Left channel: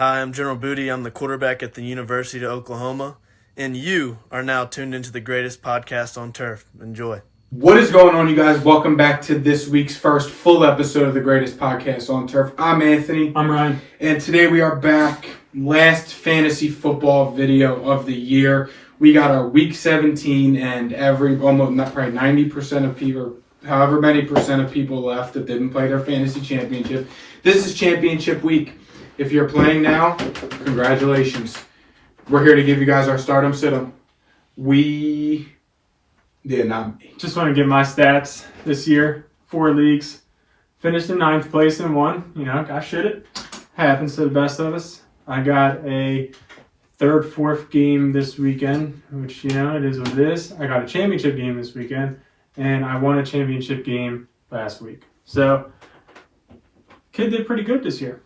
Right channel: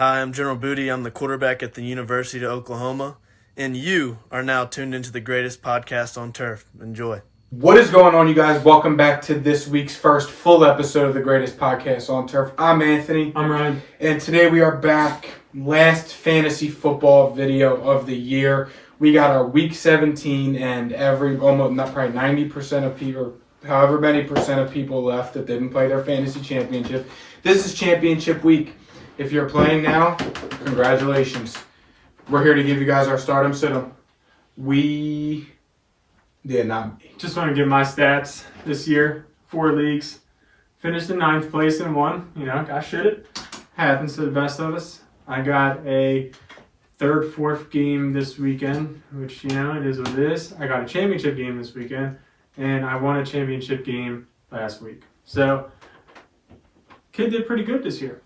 Hi, I'm General Booty. I'm the quarterback at the University of Oklahoma, and you are now tuned into the greatest podcast on turf. Enjoy. What is going on, you guys? Welcome back to this week's first full episode of the greatest podcast on turf. I'm Anthony. I'm Ryan. And today we are back. Last fantasy football video of the year. We got our week 17 and probably 90% of people, however many percent of people left that didn't play their fantasy championship. This is championship week. If you're playing now, congratulations. We're here to give you guys our stardom sit-em. Just want to give my stats this year. 4 leagues. Finished in 9th place in one. Got shit. Happens to the best of us. I got a 3rd, 4th game this weekend, which, it is what it is. I got a championship game this weekend, and I won a championship game last week. So, kid did pretty good this year.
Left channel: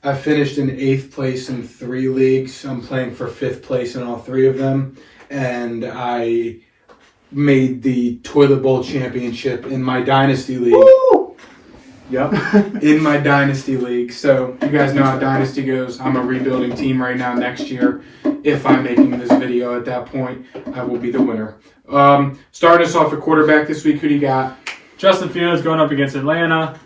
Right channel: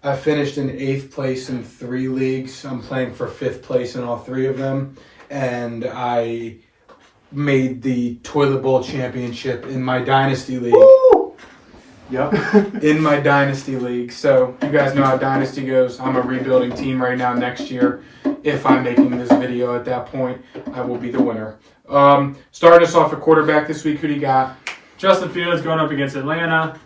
I finished in 8th place in 3 leagues. I'm playing for 5th place in all 3 of them. And I made the Toilet Bowl championship in my Dynasty League. Woo! Yep, in my Dynasty League. So you guys know how Dynasty goes. I'm a rebuilding team right now. Next year, if I'm making this video at that point, I will be the winner. Starting us off at quarterback this week, who do you got? Justin Fields going up against Atlanta.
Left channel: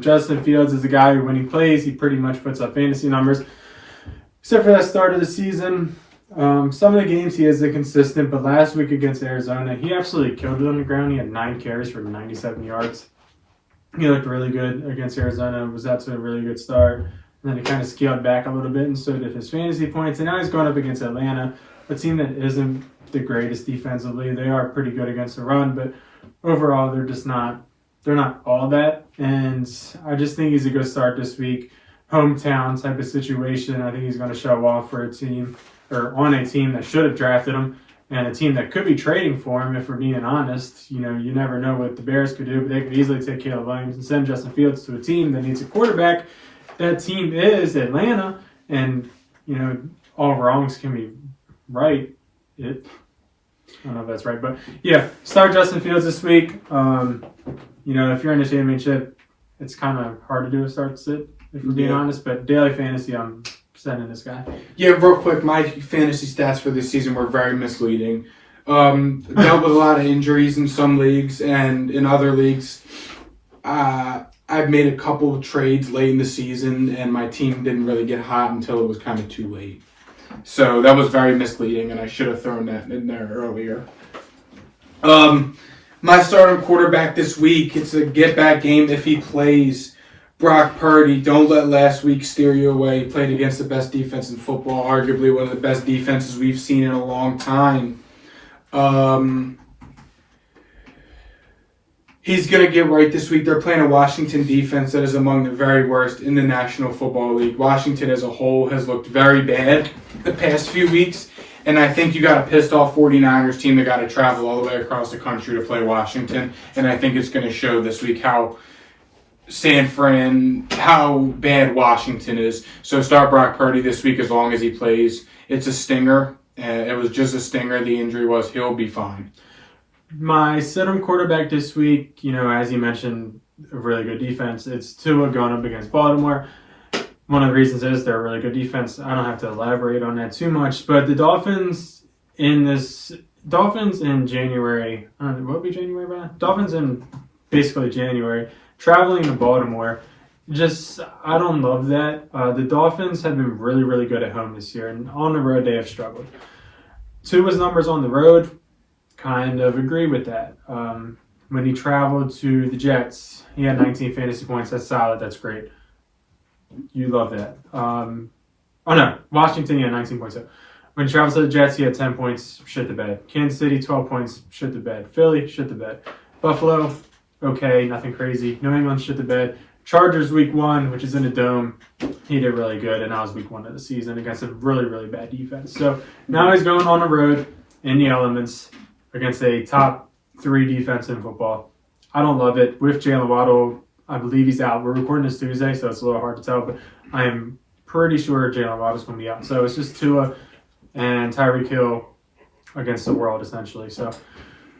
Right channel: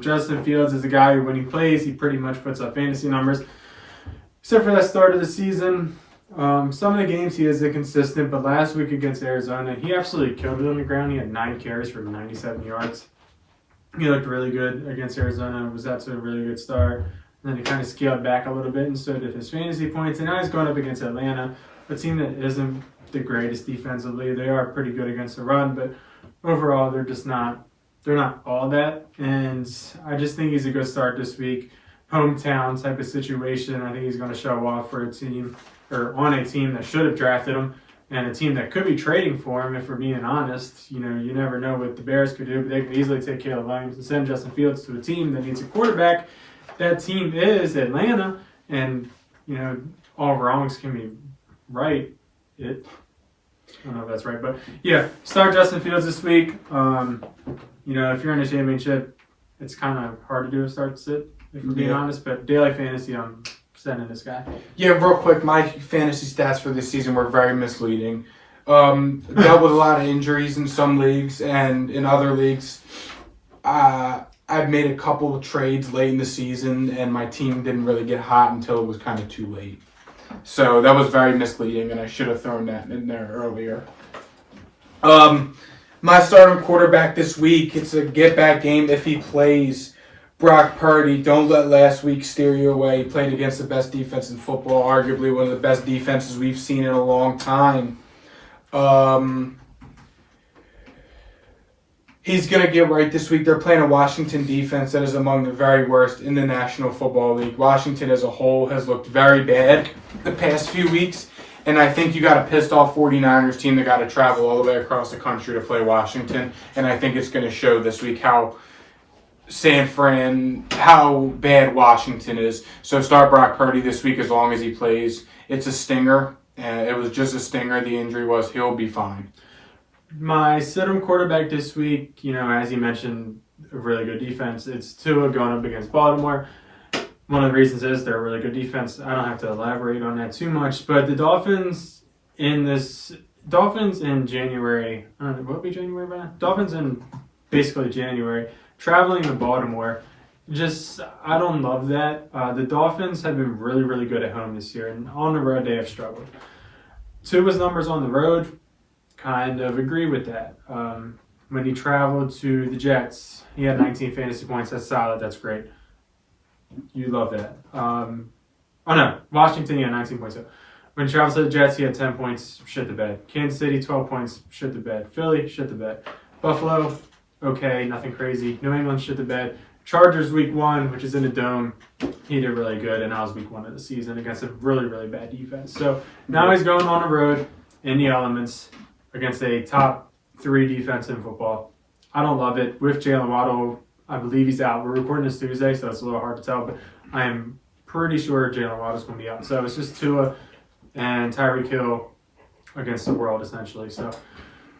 Justin Fields is a guy who, when he plays, he pretty much puts up fantasy numbers. Except for that start of the season. Some of the games he is inconsistent, but last week against Arizona, he absolutely killed it on the ground. He had 9 carries for 97 yards. He looked really good against Arizona. Was out to a really good start. And then he kind of scaled back a little bit, and so did his fantasy points. And now he's going up against Atlanta, a team that isn't the greatest defensively. They are pretty good against the run, but overall, they're not all that. And I just think he's a good start this week. Hometown type of situation. I think he's going to show off for a team, or on a team that should have drafted him, and a team that could be trading for him, if we're being honest. You never know what the Bears could do, but they could easily take Caleb Williams and send Justin Fields to a team that needs a quarterback. That team is Atlanta, and, all wrongs can be right. I don't know if that's right, but yeah, start Justin Fields this week. If you're in the championship, it's kind of hard to do a start sit, if we're being honest, but daily fantasy, I'm sending this guy. Yeah, real quick, my fantasy stats for this season were very misleading. Dealt with a lot of injuries in some leagues, and in other leagues, I've made a couple of trades late in the season, and my team didn't really get hot until it was kind of too late. So that was very misleading, and I should have thrown that in there earlier. My starting quarterback this week, it's a get-back game if he plays. Brock Purdy. Don't let last week steer you away. He played against the best defense in football, arguably one of the best defenses we've seen in a long time. He's going to get right this week. They're playing a Washington defense that is among the very worst in the National Football League. Washington as a whole has looked very bad the past few weeks, and I think you got a pissed off 49ers team that got to travel all the way across the country to play Washington, and I think it's going to show this week how bad Washington is. So start Brock Purdy this week as long as he plays. It's a stinger. It was just a stinger. The injury was. He'll be fine. My sit-em quarterback this week, as you mentioned, a really good defense. It's Tua going up against Baltimore. One of the reasons is they're a really good defense. I don't have to elaborate on that too much, but the Dolphins in January, what would be January by now? Dolphins in basically January, traveling to Baltimore, I don't love that. The Dolphins have been really, really good at home this year, and on the road they have struggled. Tua's numbers on the road kind of agree with that. When he traveled to the Jets, he had 19 fantasy points. That's solid. That's great. You love that. Washington, he had 19 points. When he traveled to the Jets, he had 10 points. Shit the bed. Kansas City, 12 points. Shit the bed. Philly, shit the bed. Buffalo, okay, nothing crazy. New England, shit the bed. Chargers week 1, which is in a dome. He did really good, and that was week 1 of the season against a really, really bad defense. So now he's going on the road in the elements against a top 3 defense in football. I don't love it. With Jalen Waddle, I believe he's out. We're recording this Tuesday, so it's a little hard to tell, but I am pretty sure Jalen Waddle's going to be out. So it's just Tua and Tyreek Hill against the world, essentially. So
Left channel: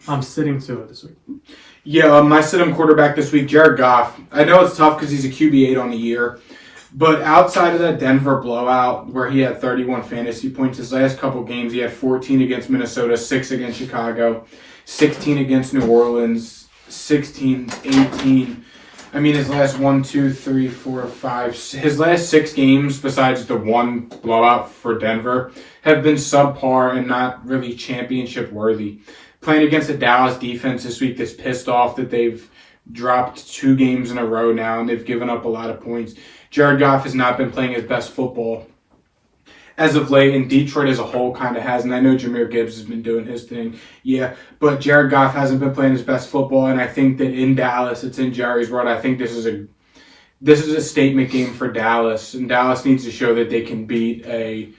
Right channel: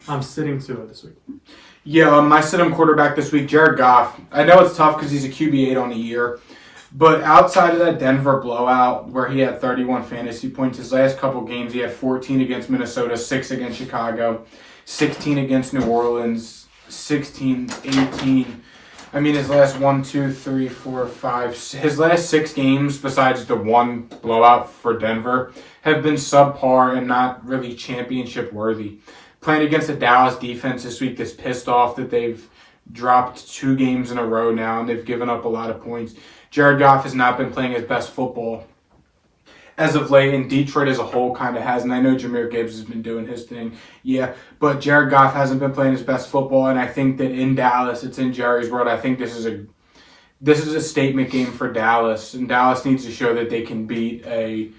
I'm sitting Tua this week. Yeah, my sit-em quarterback this week, Jared Goff. I know it's tough because he's a QB8 on the year. But outside of that Denver blowout where he had 31 fantasy points, his last couple games he had 14 against Minnesota, 6 against Chicago, 16 against New Orleans, 16, 18. I mean, his last 1, 2, 3, 4, 5, his last 6 games, besides the one blowout for Denver, have been subpar and not really championship worthy. Playing against the Dallas defense this week that's pissed off that they've dropped 2 games in a row now and they've given up a lot of points. Jared Goff has not been playing his best football as of late, and Detroit as a whole kind of has. And I know Jahmyr Gibbs has been doing his thing, yeah, but Jared Goff hasn't been playing his best football. And I think that in Dallas, it's in Jerry's world. I think this is a statement game for Dallas, and Dallas needs to show that they can beat a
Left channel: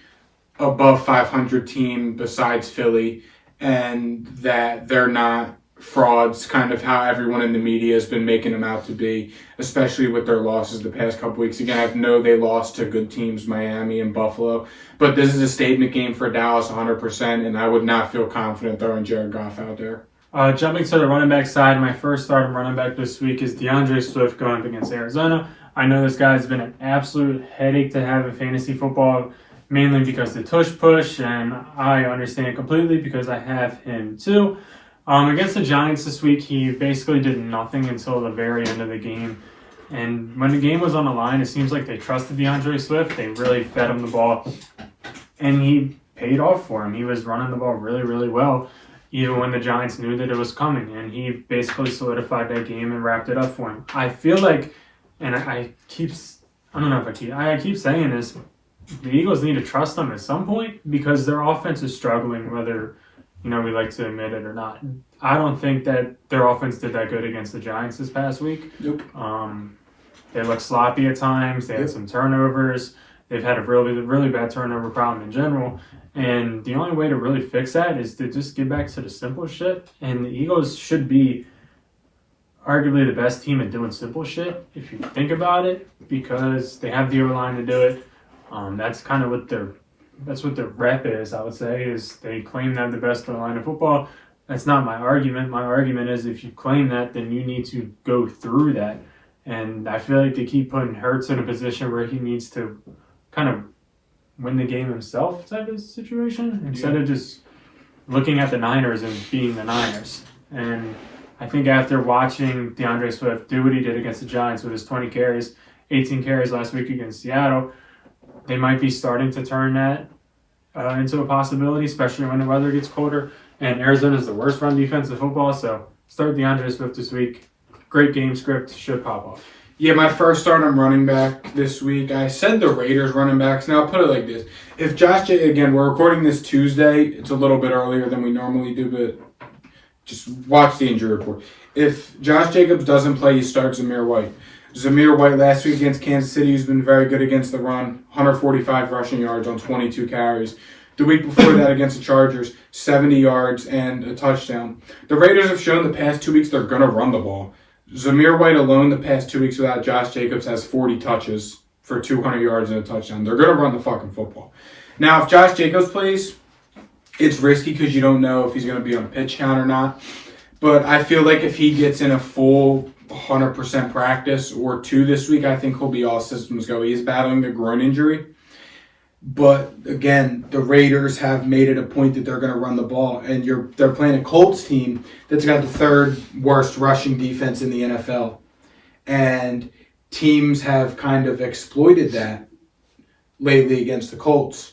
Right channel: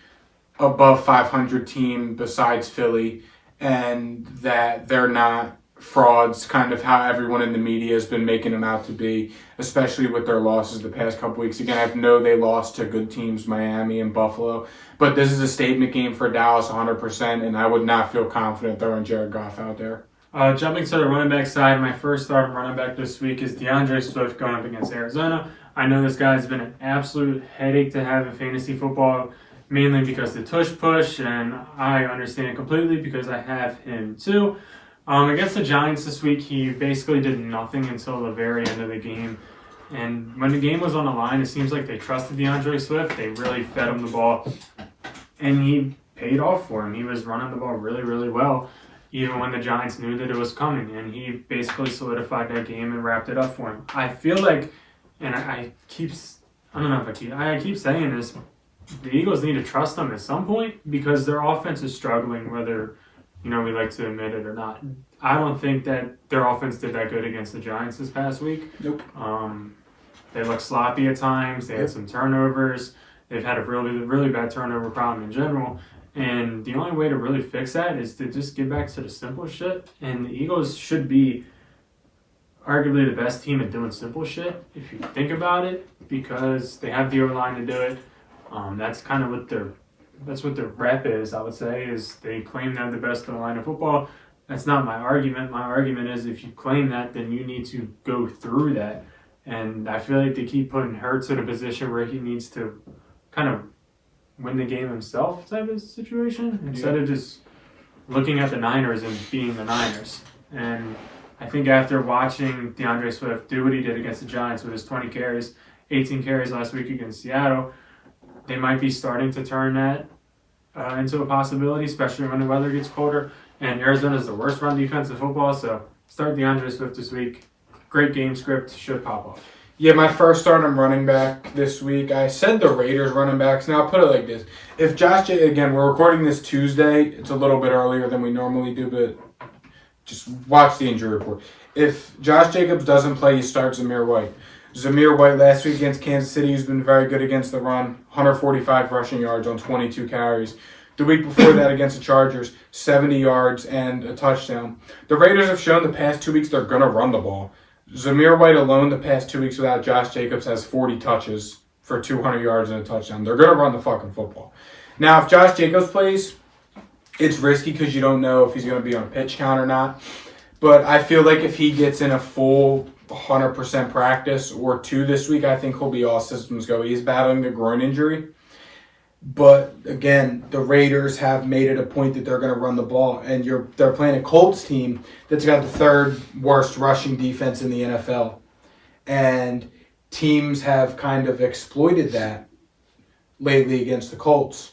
above 500 team besides Philly, and that they're not frauds, kind of how everyone in the media has been making them out to be, especially with their losses the past couple weeks. Again, I know they lost to good teams, Miami and Buffalo, but this is a statement game for Dallas 100%, and I would not feel confident throwing Jared Goff out there. Jumping to the running back side, my first start of running back this week is DeAndre Swift going up against Arizona. I know this guy's been an absolute headache to have in fantasy football, mainly because the tush push, and I understand it completely because I have him too. Against the Giants this week, he basically did nothing until the very end of the game. And when the game was on the line, it seems like they trusted DeAndre Swift. They really fed him the ball. And he paid off for him. He was running the ball really, really well, even when the Giants knew that it was coming. And he basically solidified that game and wrapped it up for him. I feel like, and I keep saying this, the Eagles need to trust them at some point because their offense is struggling, whether we like to admit it or not. I don't think that their offense did that good against the Giants this past week. Nope. They looked sloppy at times. They had some turnovers. They've had a really, really bad turnover problem in general. And the only way to really fix that is to just get back to the simple shit. And the Eagles should be arguably the best team at doing simple shit, if you think about it, because they have the O-line to do it. That's kind of what their rep is, I would say, is they claim they have the best O-line in football. That's not my argument. My argument is if you claim that, then you need to go through that. And I feel like they keep putting Hurts in a position where he needs to kind of win the game himself type of situation instead of just looking at the Niners and being the Niners. And I think after watching DeAndre Swift do what he did against the Giants with his 20 carries, 18 carries last week against Seattle, they might be starting to turn that into a possibility, especially when the weather gets colder. And Arizona is the worst run defense in football, so start DeAndre Swift this week. Great game script, should pop off. Yeah, my first start on running back this week, I said the Raiders running backs. Now, I'll put it like this. If again, we're recording this Tuesday. It's a little bit earlier than we normally do, but just watch the injury report. If Josh Jacobs doesn't play, you start Zamir White. Zamir White last week against Kansas City, who's been very good against the run, 145 rushing yards on 22 carries. The week before that against the Chargers, 70 yards and a touchdown. The Raiders have shown the past 2 weeks they're going to run the ball. Zamir White alone the past 2 weeks without Josh Jacobs has 40 touches for 200 yards and a touchdown. They're going to run the fucking football. Now, if Josh Jacobs plays, it's risky because you don't know if he's going to be on a pitch count or not. But I feel like if he gets in a full 100% practice or 2 this week, I think he'll be all systems go. He's battling the groin injury. But again, the Raiders have made it a point that they're going to run the ball, and they're playing a Colts team that's got the 3rd worst rushing defense in the NFL. And teams have kind of exploited that lately against the Colts.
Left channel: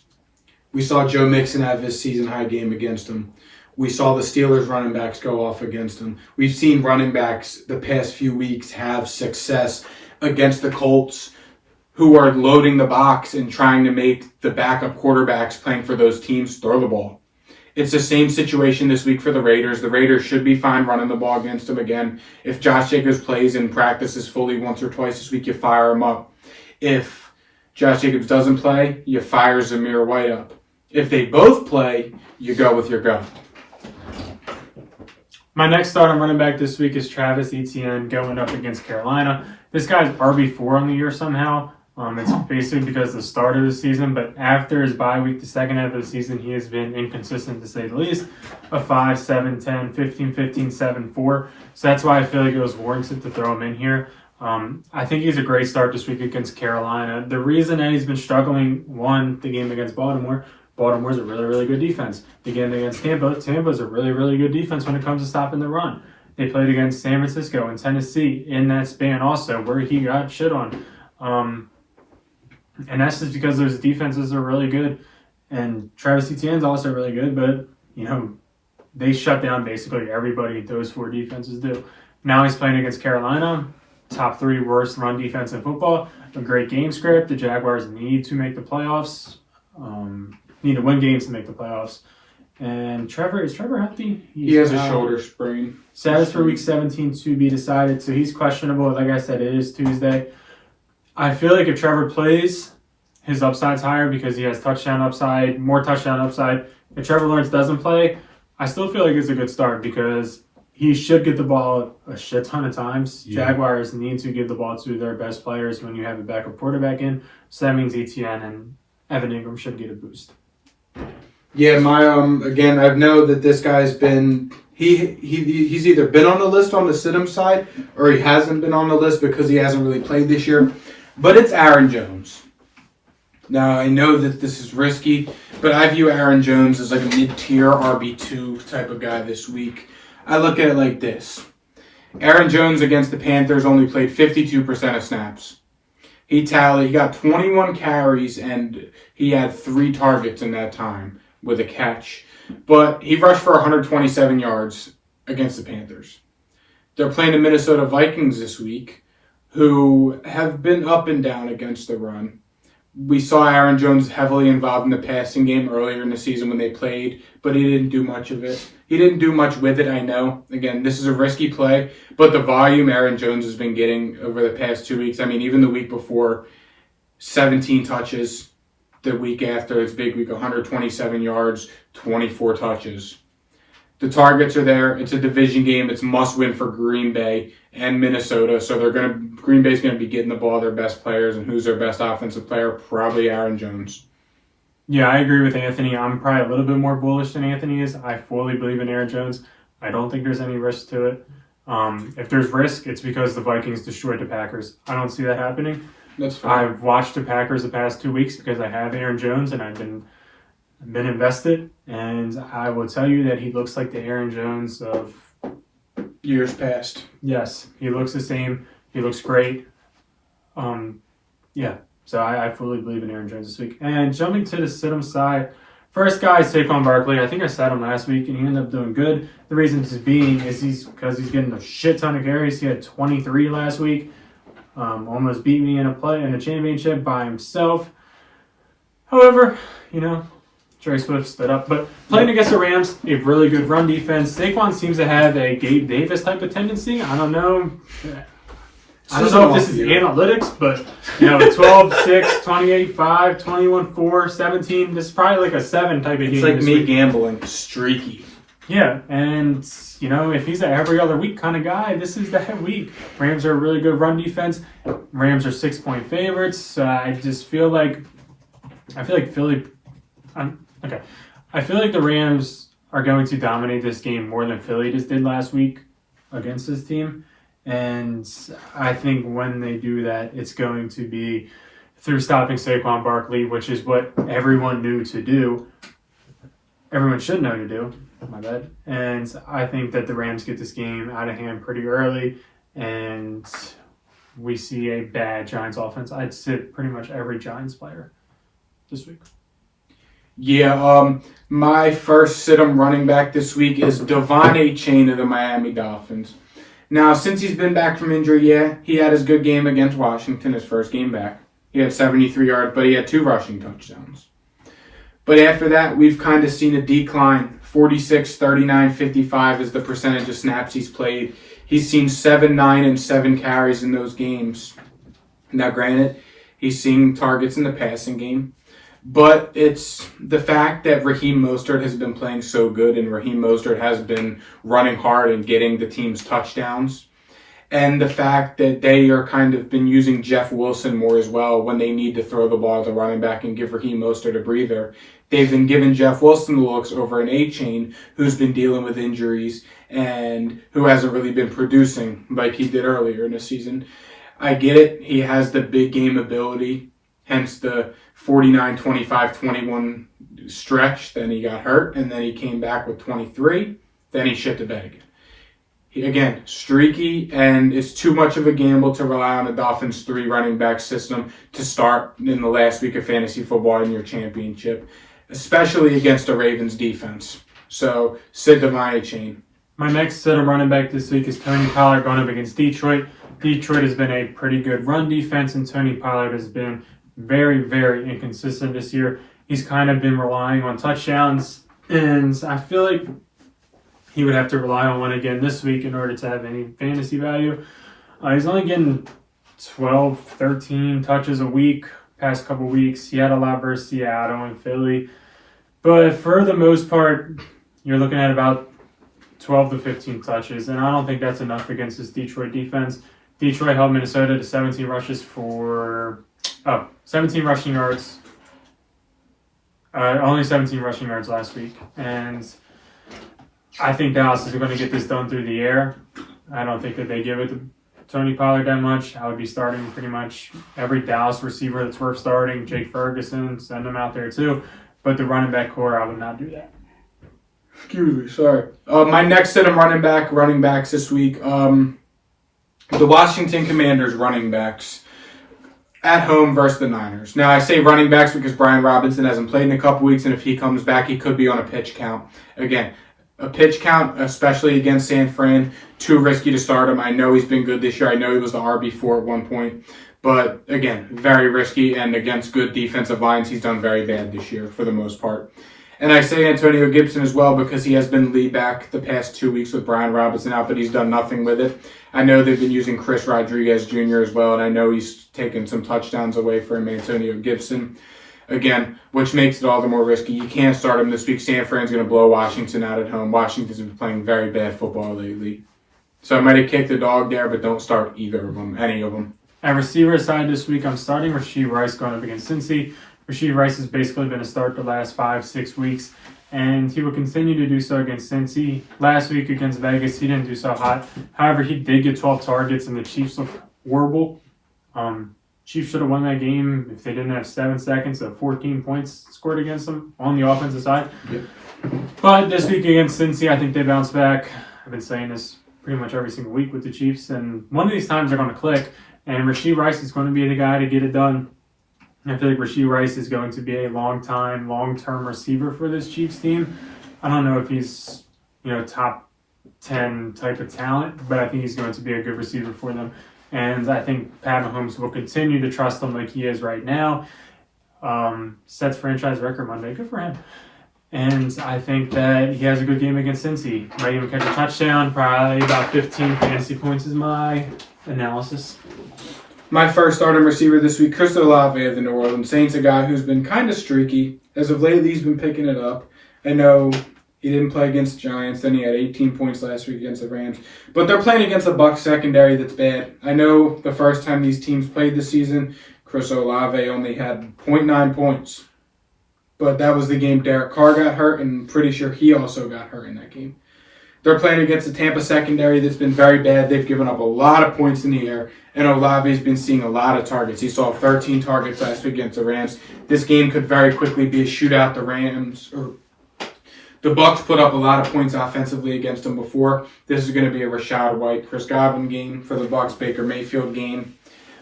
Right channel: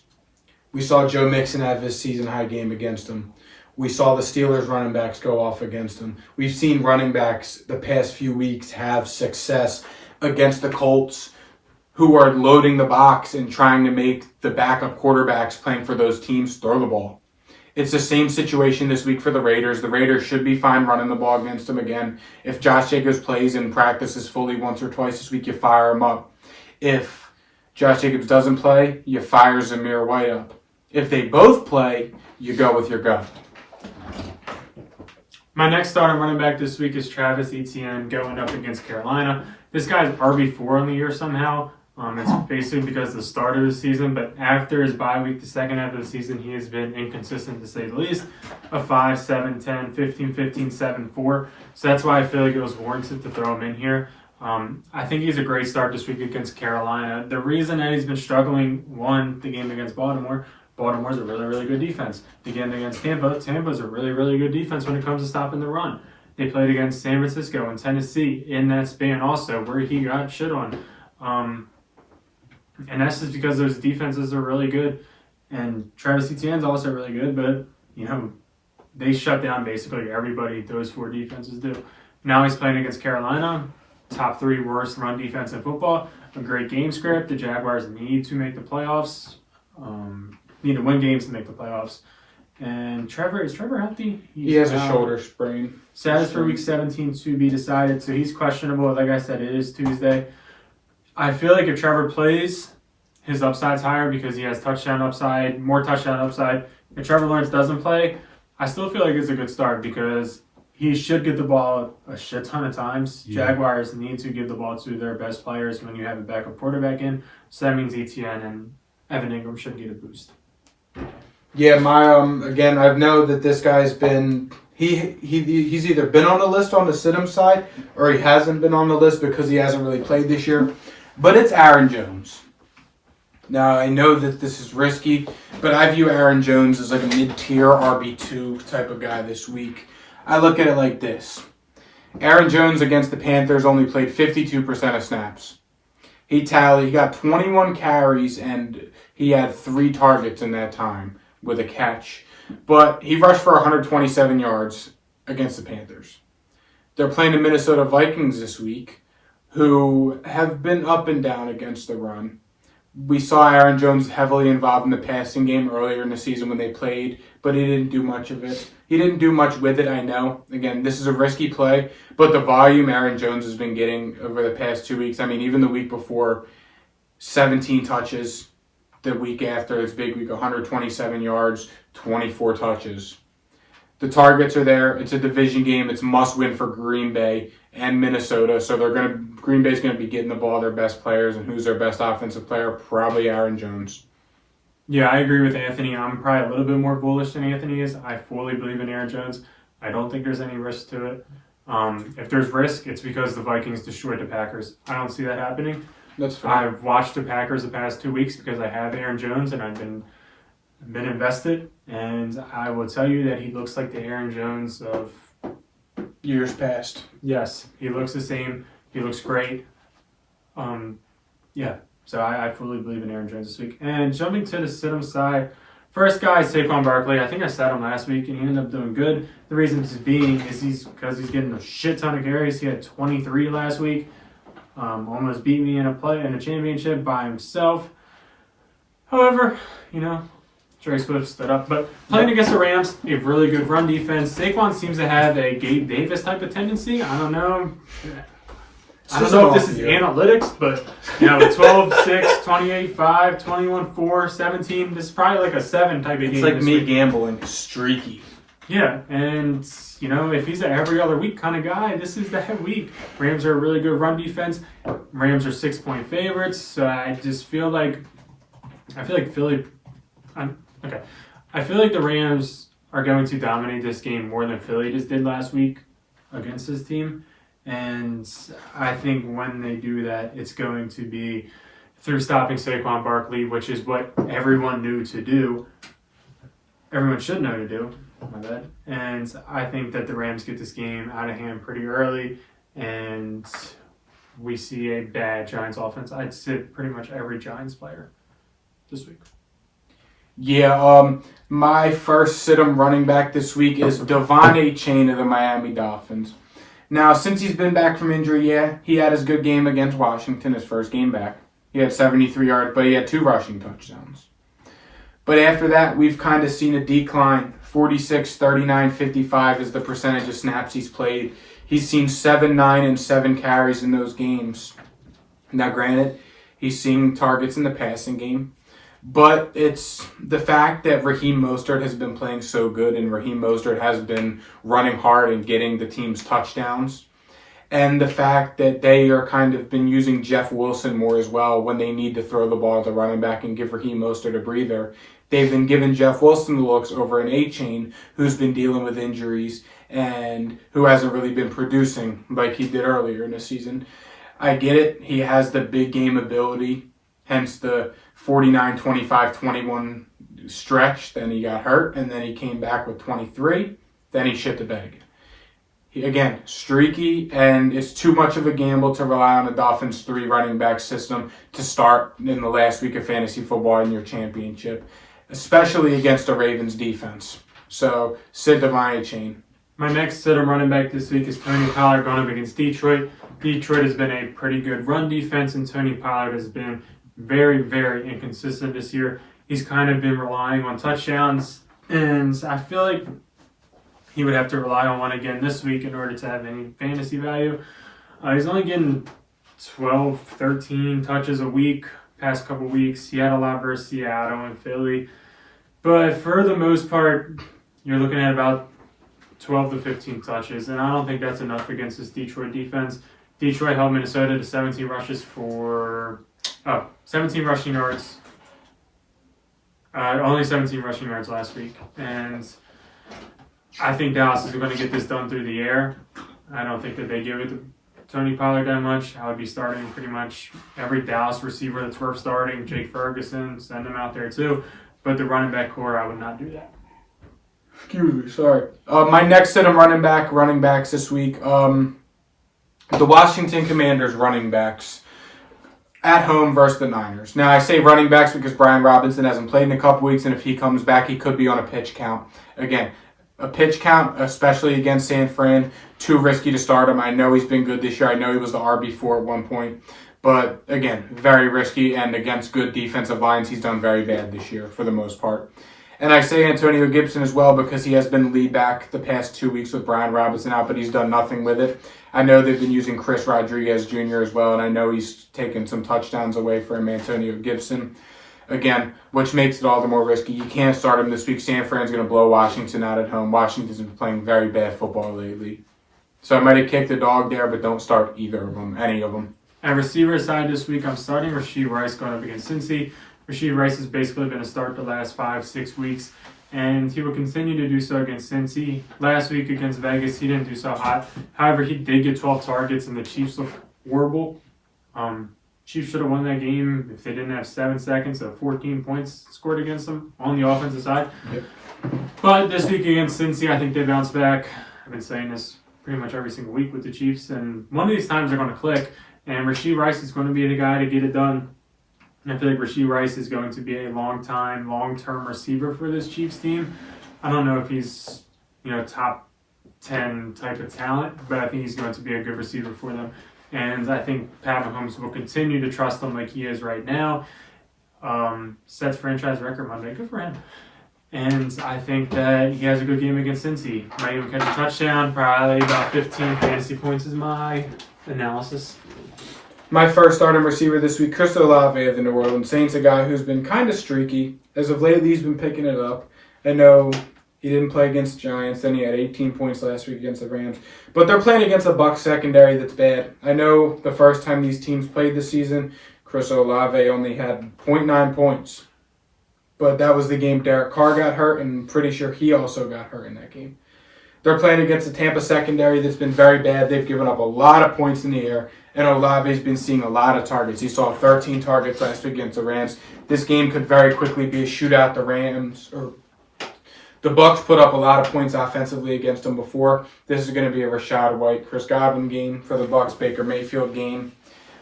We saw Joe Mixon have his season-high game against them. We saw the Steelers running backs go off against them. We've seen running backs the past few weeks have success against the Colts, who are loading the box and trying to make the backup quarterbacks playing for those teams throw the ball. It's the same situation this week for the Raiders. The Raiders should be fine running the ball against them again. If Josh Jacobs plays and practices fully once or twice this week, you fire him up. If Josh Jacobs doesn't play, you fire Zamir White up. If they both play, you go with your gut. My next start on running back this week is Travis Etienne going up against Carolina. This guy's RB4 on the year somehow. It's basically because of the start of the season, but after his bye week, the second half of the season, he has been inconsistent to say the least. A 5, 7, 10, 15, 15, 7, 4. So that's why I feel like it was warranted to throw him in here. I think he's a great start this week against Carolina. The reason that he's been struggling, one, the game against Baltimore's a really, really good defense. The game against Tampa's a really, really good defense when it comes to stopping the run. They played against San Francisco and Tennessee in that span also, where he got shit on. And that's just because those defenses are really good. And Travis Etienne's also really good, but, they shut down basically everybody those four defenses do. Now he's playing against Carolina, top 3 worst run defense in football. A great game script. The Jaguars need to make the playoffs. Need to win games to make the playoffs. And is Trevor healthy? He has a shoulder sprain. Status for week 17 to be decided, so he's questionable. Like I said, it is Tuesday. I feel like if Trevor plays, his upside's higher because he has more touchdown upside. If Trevor Lawrence doesn't play, I still feel like it's a good start because he should get the ball a shit ton of times. Yeah. Jaguars need to give the ball to their best players when you have a backup quarterback in. So that means Etienne and Evan Ingram should get a boost. Yeah, again, I know that this guy's been he's either been on the list on the sit-em side or he hasn't been on the list because he hasn't really played this year. But it's Aaron Jones. Now, I know that this is risky, but I view Aaron Jones as like a mid-tier RB2 type of guy this week. I look at it like this. Aaron Jones against the Panthers only played 52% of snaps. He got 21 carries and he had 3 targets in that time with a catch. But he rushed for 127 yards against the Panthers. They're playing the Minnesota Vikings this week, who have been up and down against the run. We saw Aaron Jones heavily involved in the passing game earlier in the season when they played, but he didn't do much of it. He didn't do much with it, I know. Again, this is a risky play, but the volume Aaron Jones has been getting over the past 2 weeks, I mean, even the week before, 17 touches. The week after, it's big week, 127 yards, 24 touches. The targets are there. It's a division game. It's must-win for Green Bay and Minnesota. So Green Bay's going to be getting the ball their best players. And who's their best offensive player? Probably Aaron Jones. Yeah, I agree with Anthony. I'm probably a little bit more bullish than Anthony is. I fully believe in Aaron Jones. I don't think there's any risk to it. If there's risk, it's because the Vikings destroyed the Packers. I don't see that happening. That's fine. I've watched the Packers the past 2 weeks because I have Aaron Jones and I've been invested. And I will tell you that he looks like the Aaron Jones of years past. Yes, he looks the same. He looks great. So I fully believe in Aaron Jones this week. And jumping to the sit-em side, first guy is Saquon Barkley. I think I sat him last week, and he ended up doing good. The reason this being is because he's getting a shit ton of carries. He had 23 last week. Almost beat me in a championship by himself. However, Trey Swift stood up. But playing against the Rams, a really good run defense. Saquon seems to have a Gabe Davis type of tendency. I don't know. I don't know if this is analytics, but 12, 6, 28, 5, 21, 4, 17. This is probably like a 7 type of game. It's like me gambling, streaky. Yeah, and if he's an every other week kind of guy, this is that week. Rams are a really good run defense. Rams are 6-point favorites. So I feel like Philly. I feel like the Rams are going to dominate this game more than Philly just did last week against this team. And I think when they do that, it's going to be through stopping Saquon Barkley, which is what everyone knew to do. Everyone should know to do. My bad. And I think that the Rams get this game out of hand pretty early, and we see a bad Giants offense. I'd sit pretty much every Giants player this week. Yeah, my first sit-em running back this week is Devon Achane of the Miami Dolphins. Now, since he's been back from injury, he had his good game against Washington, his first game back. He had 73 yards, but he had 2 rushing touchdowns. But after that, we've kind of seen a decline. 46, 39, 55 is the percentage of snaps he's played. He's seen 7, 9, and 7 carries in those games. Now, granted, he's seeing targets in the passing game. But it's the fact that Raheem Mostert has been playing so good and Raheem Mostert has been running hard and getting the team's touchdowns. And the fact that they are kind of been using Jeff Wilson more as well when they need to throw the ball at the running back and give Raheem Mostert a breather. They've been giving Jeff Wilson the looks over an Achane who's been dealing with injuries and who hasn't really been producing like he did earlier in the season. I get it. He has the big game ability, hence the 49, 25, 21 stretch. Then he got hurt, and then he came back with 23. Then he shit the bed again. Again, streaky, and it's too much of a gamble to rely on a Dolphins 3 running back system to start in the last week of fantasy football in your championship, especially against the Ravens defense. So, sit the my chain. My next set of running back this week is Tony Pollard going up against Detroit. Detroit has been a pretty good run defense, and Tony Pollard has been very, very inconsistent this year. He's kind of been relying on touchdowns, and I feel like he would have to rely on one again this week in order to have any fantasy value. He's only getting 12, 13 touches a week past couple weeks. He had a lot versus Seattle and Philly. But for the most part, you're looking at about 12 to 15 touches, and I don't think that's enough against this Detroit defense. Detroit held Minnesota to 17 rushes for 17 rushing yards. Only 17 rushing yards last week. And I think Dallas is going to get this done through the air. I don't think that they give it to Tony Pollard that much. I would be starting pretty much every Dallas receiver that's worth starting. Jake Ferguson, send him out there too. But the running back core, I would not do that. Excuse me, sorry. My next set of running backs this week. The Washington Commanders running backs at home versus the Niners. Now, I say running backs because Brian Robinson hasn't played in a couple weeks, and if he comes back, he could be on a pitch count. Again, a pitch count, especially against San Fran, too risky to start him. I know he's been good this year. I know he was the RB4 at one point. But, again, very risky, and against good defensive lines, he's done very bad this year for the most part. And I say Antonio Gibson as well because he has been lead back the past 2 weeks with Brian Robinson out, but he's done nothing with it. I know they've been using Chris Rodriguez Jr. as well, and I know he's taken some touchdowns away from Antonio Gibson. Again, which makes it all the more risky. You can't start him this week. San Fran's going to blow Washington out at home. Washington's been playing very bad football lately. So I might have kicked the dog there, but don't start either of them, any of them. At receiver side this week, I'm starting Rashee Rice going up against Cincy. Rashee Rice has basically been a start the last 5-6 weeks, and he will continue to do so against Cincy. Last week against Vegas, he didn't do so hot. However, he did get 12 targets, and the Chiefs look horrible. Chiefs should have won that game if they didn't have 7 seconds of 14 points scored against them on the offensive side. Yep. But this week against Cincy, I think they bounce back. I've been saying this pretty much every single week with the Chiefs, and one of these times they're going to click, and Rashee Rice is going to be the guy to get it done. I feel like Rashee Rice is going to be a long-term receiver for this Chiefs team. I don't know if he's, top 10 type of talent, but I think he's going to be a good receiver for them. And I think Pat Mahomes will continue to trust him like he is right now. Sets franchise record Monday. Good for him. And I think that he has a good game against Cincy. Might even catch a touchdown. Probably about 15 fantasy points is my analysis. My first starting receiver this week, Chris Olave of the New Orleans Saints, a guy who's been kind of streaky. As of lately, he's been picking it up. I know he didn't play against the Giants, then he had 18 points last week against the Rams. But they're playing against a Bucs secondary that's bad. I know the first time these teams played this season, Chris Olave only had 0.9 points. But that was the game Derek Carr got hurt, and I'm pretty sure he also got hurt in that game. They're playing against a Tampa secondary that's been very bad. They've given up a lot of points in the air, and Olave's been seeing a lot of targets. He saw 13 targets last week against the Rams. This game could very quickly be a shootout. The Bucs put up a lot of points offensively against them before. This is going to be a Rashad White, Chris Godwin game for the Bucs, Baker Mayfield game.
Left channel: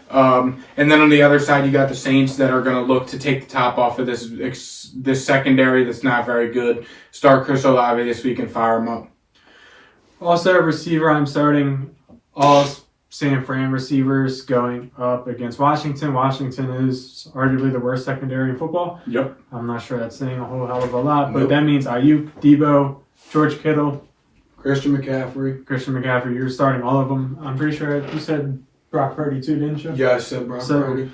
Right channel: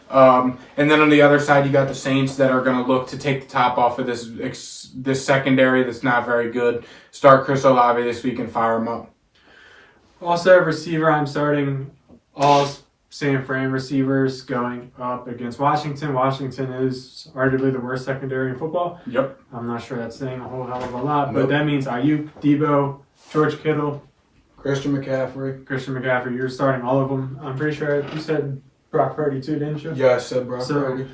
And then on the other side, you got the Saints that are going to look to take the top off of this secondary that's not very good. Start Chris Olave this week and fire him up. Also, a receiver, I'm starting all San Fran receivers going up against Washington. Washington is arguably the worst secondary in football. Yep. I'm not sure that's saying a whole hell of a lot, but that means Ayuk, Debo, George Kittle, Christian McCaffrey. You're starting all of them. I'm pretty sure you said Brock Purdy too, didn't you? Yeah, I said Brock Purdy.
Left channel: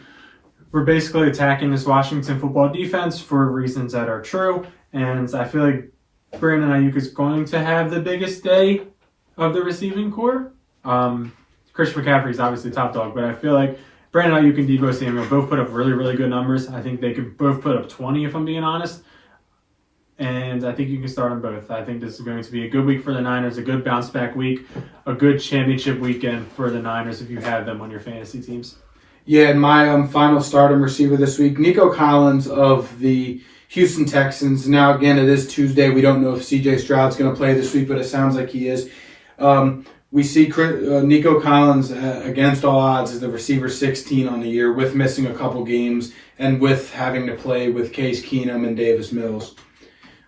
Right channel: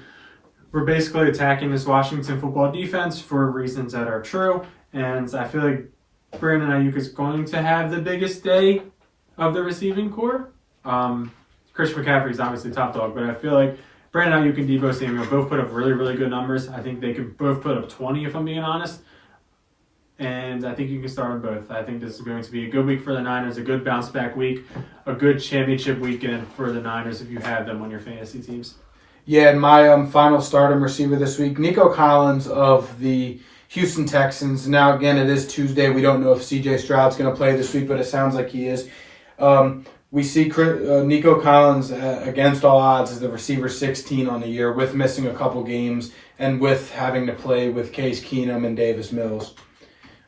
We're basically attacking this Washington football defense for reasons that are true, and I feel like Brandon Ayuk is going to have the biggest day of the receiving core. Christian McCaffrey is obviously top dog, but I feel like Brandon Ayuk and Debo Samuel both put up really, really good numbers. I think they could both put up 20 if I'm being honest. and I think you can start them both. I think this is going to be a good week for the Niners, a good bounce back week, a good championship weekend for the Niners if you have them on your fantasy teams. Yeah, and my final stardom receiver this week, Nico Collins of the Houston Texans. Now, again, it is Tuesday. We don't know if C.J. Stroud's going to play this week, but it sounds like he is. We see Nico Collins, against all odds, as the receiver 16 on the year, with missing a couple games and with having to play with Case Keenum and Davis Mills.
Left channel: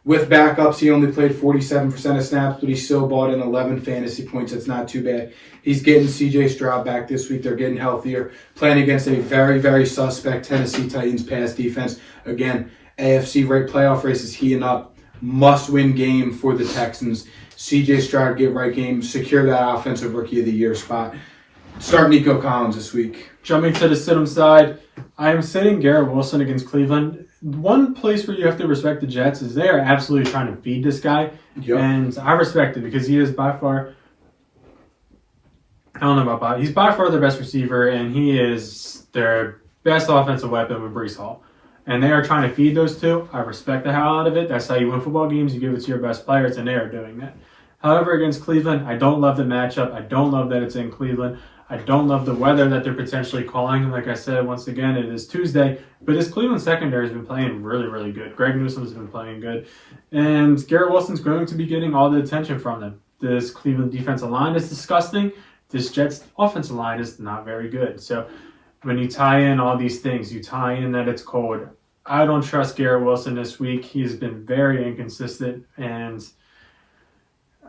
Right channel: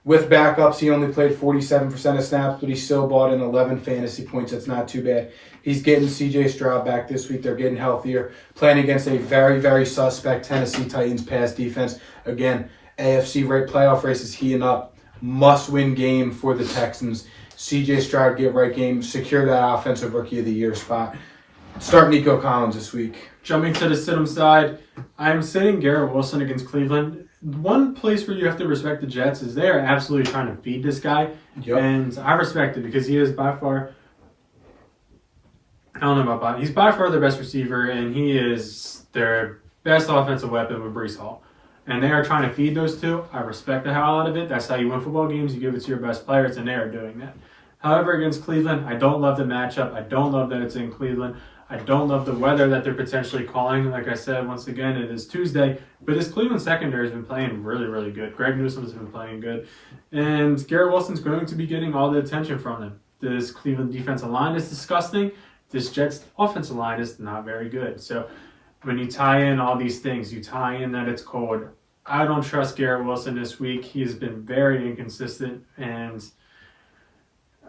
With backups, he only played 47% of snaps, but he still brought in 11 fantasy points. That's not too bad. He's getting C.J. Stroud back this week. They're getting healthier. Playing against a very, very suspect Tennessee Titans pass defense. Again, AFC playoff race is heating up. Must-win game for the Texans. C.J. Stroud, get right game. Secure that Offensive Rookie of the Year spot. Start Nico Collins this week. Jumping to the sit-em side, I am sitting Garrett Wilson against Cleveland. One place where you have to respect the Jets is they are absolutely trying to feed this guy. Yep. And I respect it because he is by far, I don't know about Bob, he's by far the best receiver, and he is their best offensive weapon with Breece Hall. And they are trying to feed those two. I respect the hell out of it. That's how you win football games. You give it to your best players, and they are doing that. However, against Cleveland, I don't love the matchup. I don't love that it's in Cleveland. I don't love the weather that they're potentially calling. Like I said, once again, it is Tuesday. But this Cleveland secondary has been playing really, really good. Greg Newsom's been playing good. And Garrett Wilson's going to be getting all the attention from them. This Cleveland defensive line is disgusting. This Jets offensive line is not very good. So when you tie in all these things, you tie in that it's cold. I don't trust Garrett Wilson this week. He has been very inconsistent. And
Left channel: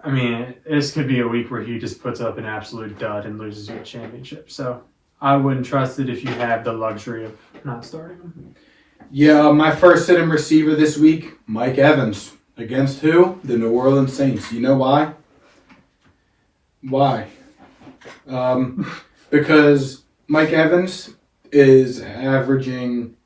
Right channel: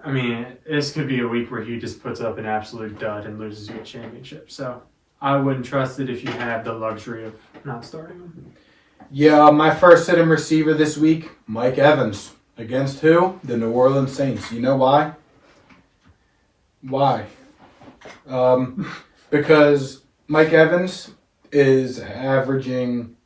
I mean, this could be a week where he just puts up an absolute dud and loses you a championship. So I wouldn't trust it if you have the luxury of not starting him. Yeah, my first sit-em receiver this week, Mike Evans. Against who? The New Orleans Saints. You know why? Why? Because Mike Evans is averaging...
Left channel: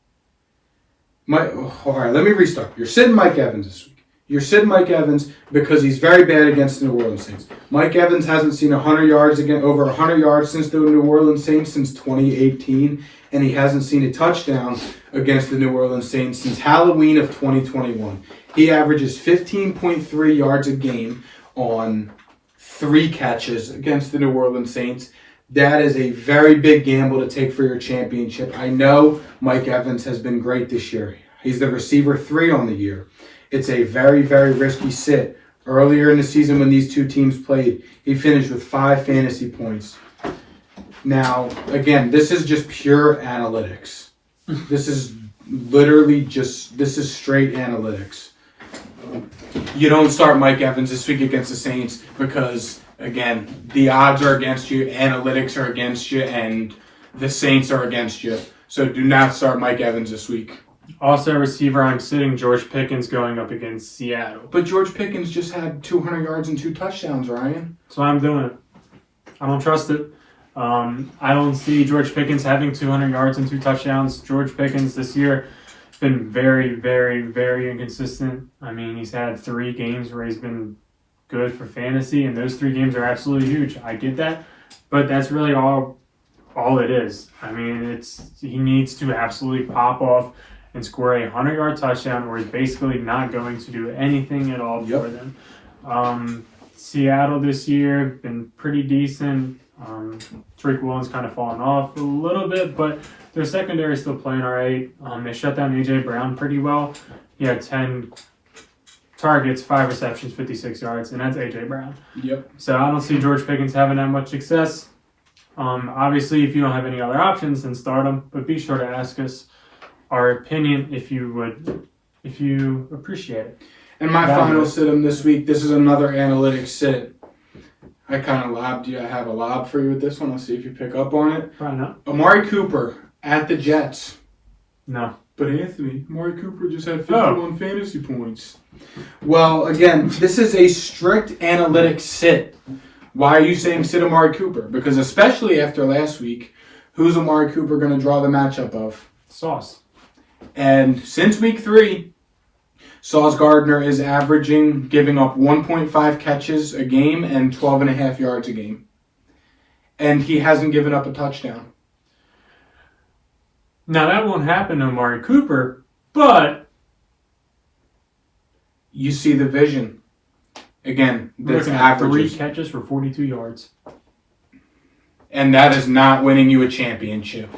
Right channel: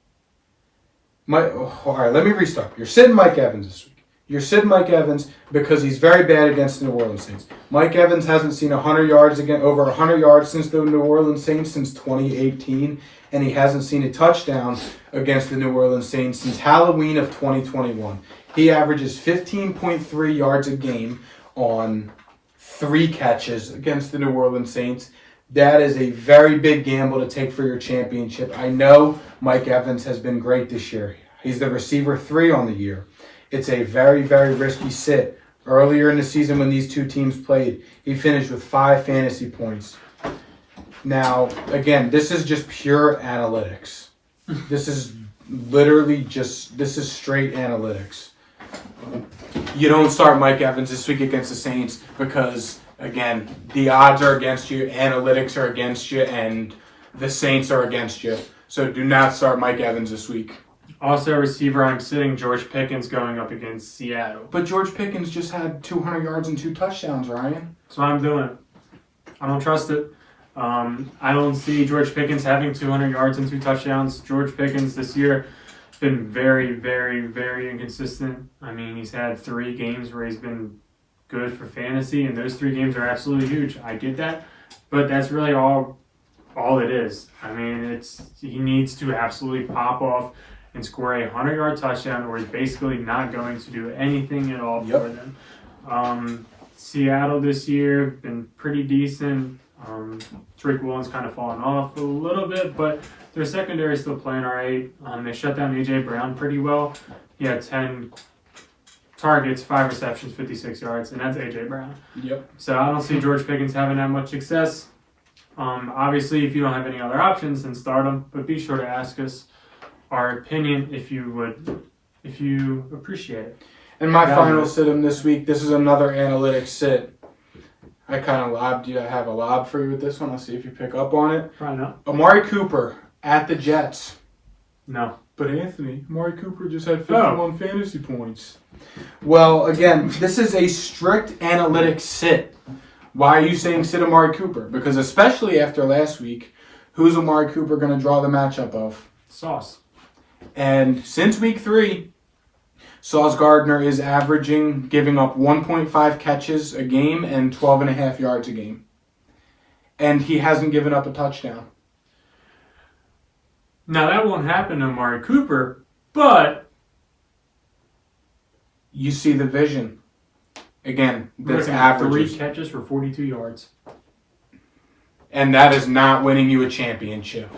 All right, let me restart. You're sitting Mike Evans this week. You're sitting Mike Evans because he's very bad against the New Orleans Saints. Mike Evans hasn't seen 100 yards over 100 yards since the New Orleans Saints since 2018, and he hasn't seen a touchdown against the New Orleans Saints since Halloween of 2021. He averages 15.3 yards a game on 3 catches against the New Orleans Saints. That is a very big gamble to take for your championship. I know Mike Evans has been great this year. He's the receiver 3 on the year. It's a very, very risky sit. Earlier in the season when these two teams played, he finished with 5 fantasy points. Now, again, this is just pure analytics. This is straight analytics. You don't start Mike Evans this week against the Saints because, again, the odds are against you, analytics are against you, and the Saints are against you. So do not start Mike Evans this week. Also, receiver, I'm sitting George Pickens going up against Seattle. But George Pickens just had 200 yards and 2 touchdowns, Ryan. So I'm doing it. I don't trust it. I don't see George Pickens having 200 yards and 2 touchdowns. George Pickens this year has been very, very, very inconsistent. I mean, he's had 3 games where he's been good for fantasy, and those 3 games are absolutely huge. I get that, but that's really all it is. I mean, he needs to absolutely pop off and score a 100-yard touchdown, or he's basically not going to do anything at all for them. Seattle this year been pretty decent. Tariq Woolen's kind of fallen off a little bit, but their secondary is still playing all right. They shut down A.J. Brown pretty well. He had 10 targets, 5 receptions, 56 yards, and that's A.J. Brown. Yep. So I don't see George Pickens having that much success. Obviously, if you don't have any other options, then start him, but be sure to ask us our opinion if you appreciate it. And my final sit-em this week, this is another analytics sit. I kind of lobbed you. I have a lob for you with this one. I'll see if you pick up on it. Probably not. Amari Cooper at the Jets. No. But Anthony, Amari Cooper just had 51 fantasy points. Well, again, this is a strict analytics sit. Why are you saying sit Amari Cooper? Because especially after last week, who's Amari Cooper going to draw the matchup of? Sauce. And since week 3, Sauce Gardner is giving up 1.5 catches a game and 12.5 yards a game. And he hasn't given up a touchdown. Now, that won't happen to Amari Cooper, but You see the vision. Again, We're that's looking at 3 averages. catches for 42 yards. And that is not winning you a championship.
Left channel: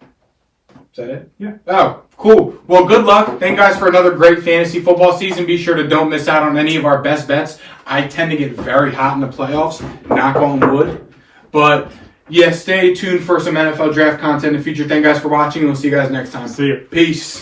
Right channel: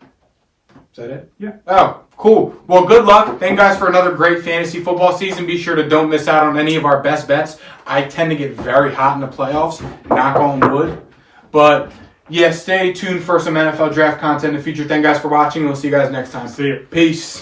Is that it? Yeah. Oh, cool. Well, good luck. Thank you guys for another great fantasy football season. Be sure to don't miss out on any of our best bets. I tend to get very hot in the playoffs, knock on wood. But, yeah, stay tuned for some NFL draft content in the future. Thank you guys for watching. We'll see you guys next time. See ya. Peace.